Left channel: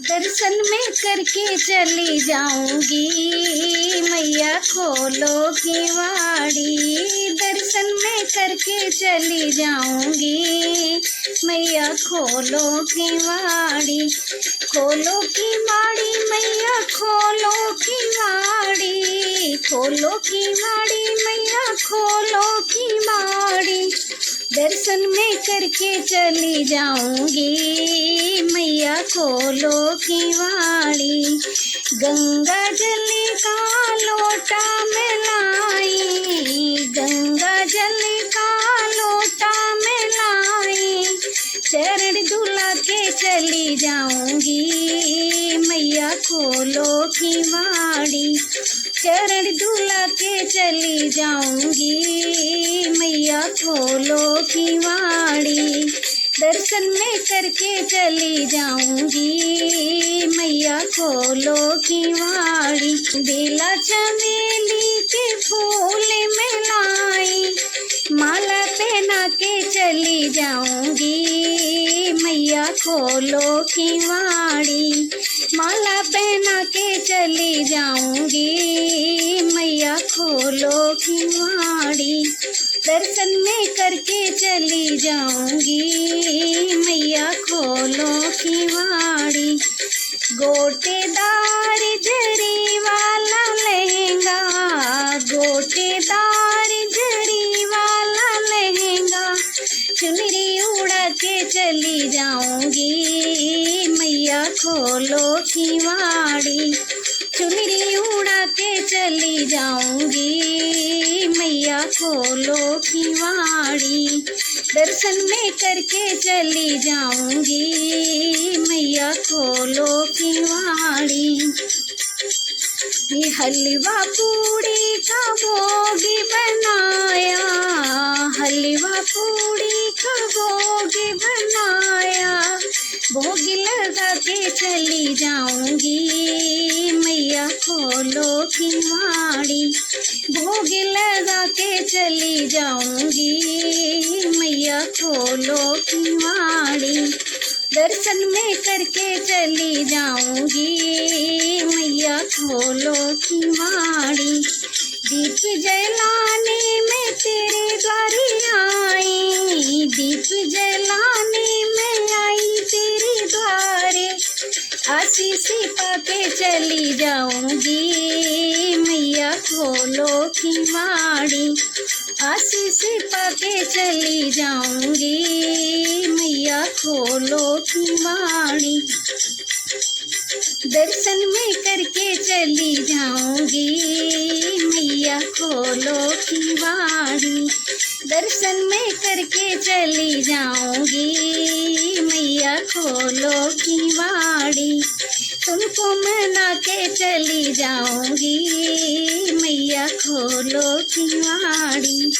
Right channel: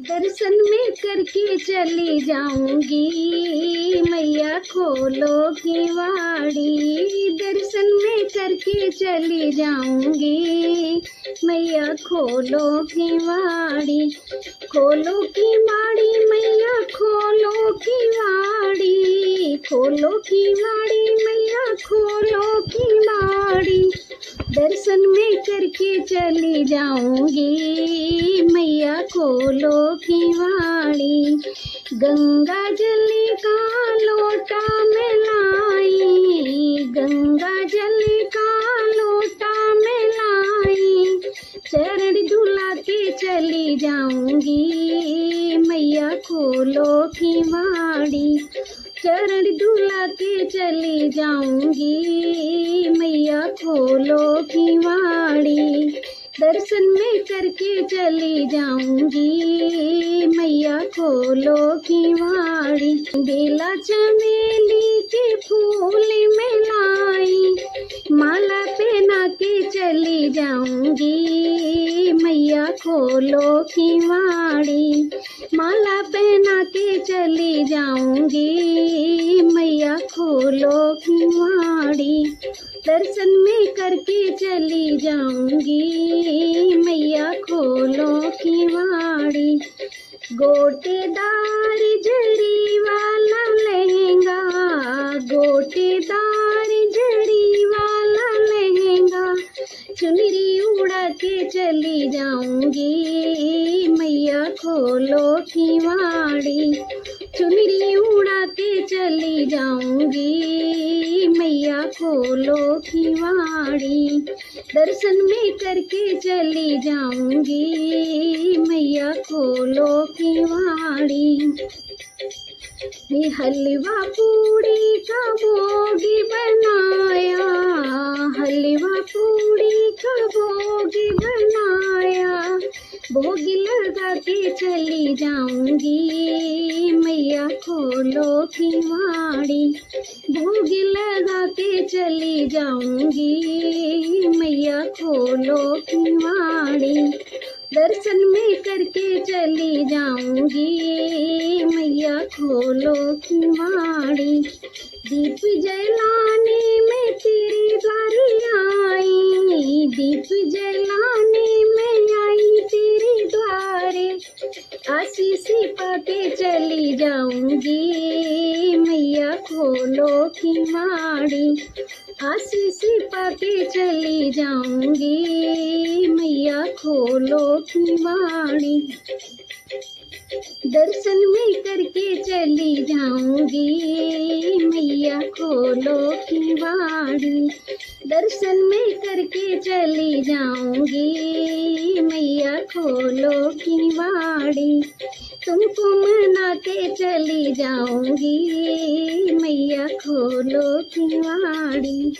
दर्शन में करके चली जाऊंगी, मैया खोलो की वाड़ी। दर्शन में करके चली जाऊंगी, मैया खोलो की वाड़ी। खोलो की वाड़ी मैया, खोलो की वाड़ी। खोलो की वाड़ी मैया, खोलो की वाड़ी। दर्शन में करके चली जाऊंगी, मैया खोलो की वाड़ी। गंगा जल का लोटा में लाई, गंगा जल का लोटा में लाई। चरण धुला के चली जाऊंगी, मैया खोलो की वाड़ी। चरण धुला के चली जाऊंगी, मैया खोलो की वाड़ी। दर्शन में करके चली जाऊंगी, मैया खोलो की वाड़ी। बेला चमेली के फूल में लाई, माला पहना के चली जाऊंगी, मैया खोलो की वाड़ी। माला पहना के चली जाऊंगी, मैया खोलो की वाड़ी। दर्शन में करके चली जाऊंगी, मैया खोलो की वाड़ी। गोटेदार जरी वाला लहंगा, गोटेदार जरी वाला लहंगा। चुनरी उड़ा के चली जाऊंगी, मैया खोलो की वाड़ी। चुनरी उड़ा के चली जाऊंगी, मैया खोलो की वाड़ी। दर्शन में करके चली जाऊंगी, मैया खोलो की वाड़ी। ये हलवा पूड़ी का भोग बनाया, हलवा पूड़ी का भोग बनाया। भोग लगा के चली जाऊंगी, मैया खोलो की वाड़ी। भोग लगा के चली जाऊंगी, मैया खोलो की वाड़ी। दर्शन में करके चली जाऊंगी, मैया खोलो की वाड़ी। दीप जलाने में तेरे द्वारे आई, दीप जलाने में आई तेरे द्वारे। आशीष पाके चली जाऊंगी, मैया खोलो की वाड़ी। आशीष पाके चली जाऊंगी, मैया खोलो की वाड़ी। दर्शन में करके चली जाऊंगी, मैया खोलो की वाड़ी। दर्शन में करके चली जाऊंगी, मैया खोलो की वाड़ी। तुमको मना के चली जाऊंगी, मैया खोलो की वाड़ी।